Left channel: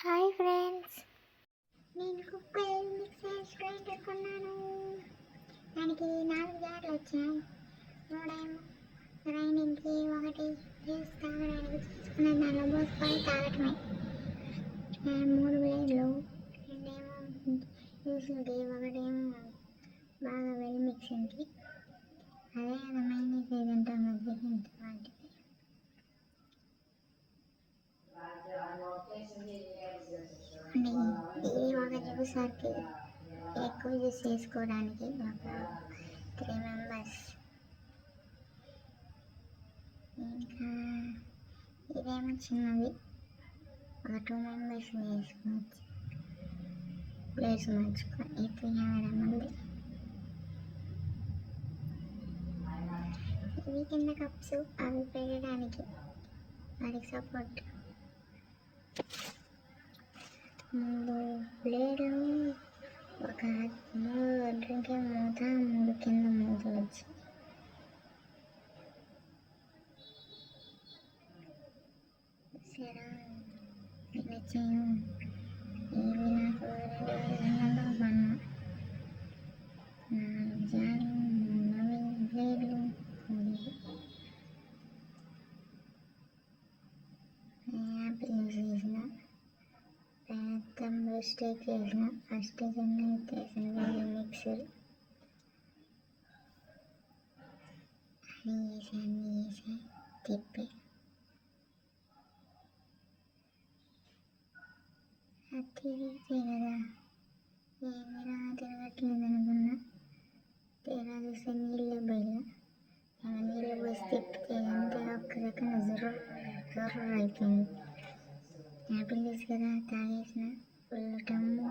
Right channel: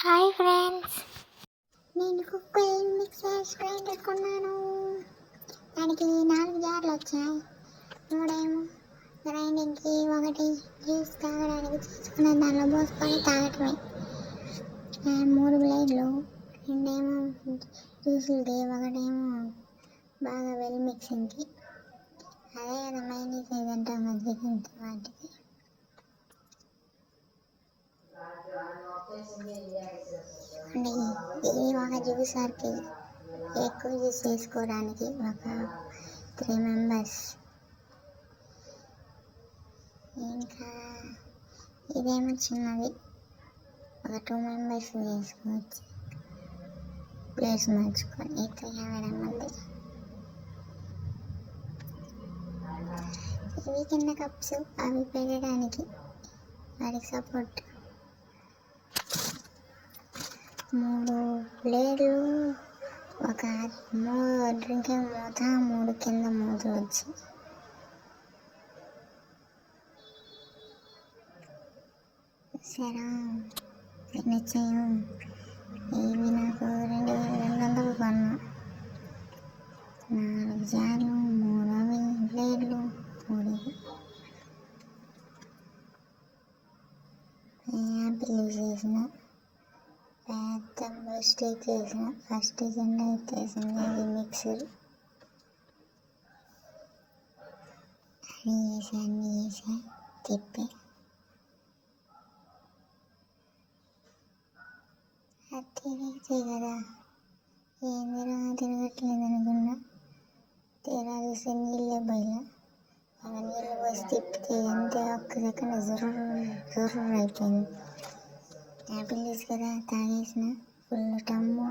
Hi friends, నేను cooker mixer grinder కొన్నాను. దానికి 4 జార్లు వచ్చాయి. 3 గ్రైండింగ్కి, 1 జ్యూస్ తాగడానికి తీసుకునే దానిలో పోసుకొని తాగటమే. 3 బ్లేడ్లు, 2 జ్యూసులకి, 1 బాగా వెల్ మిక్సింగ్కి. అదే కదా మైనీస్ ఏదంటాం కదా వాటికి. ఇది ఒక జ్యూసర్కి ఎక్కువ జ్యూస్ చేసుకోవడానికి ఒక 3 మెంబర్స్. ఇంకా ఇదేమో చిన్నది, ఒక 2 మెంబర్స్ చేసుకోవచ్చు. ప్లేస్ మార్చుకొని 300 మంది. ఇవి కింద కప్స్, అవి పెట్టడానికి వాటికి సపోర్ట్. 3 ప్లేట్లు, ఒక డ్రింకింగ్ మూత, 3 కింద మూతలు వచ్చి. సరే నచ్చాయో. ఇవి నాకు 2200 కొన్నా. 4 జార్లు, 3 ప్లేట్లు, 3 యాపిల్ చేసిన పెద్ద మిస్టేక్ చేసిన. ఫస్ట్ కింద ఎత్తేసింది ఇది మిక్సర్. అన్నీ వేసా తిప్పి అది తిరిగితే కదా ఏందిరా తిరగట్లేదు అనుకున్నా. తీరా చూస్తే నీళ్ళే బయలు. నీళ్ళు పోసి తిప్పితే అంతే, ఒక్క సెకండ్ జుర్రు అయిపోయింది. యాపిల్ జ్యూస్ కదా తాగేసిన. ఫుల్ టమ్ము.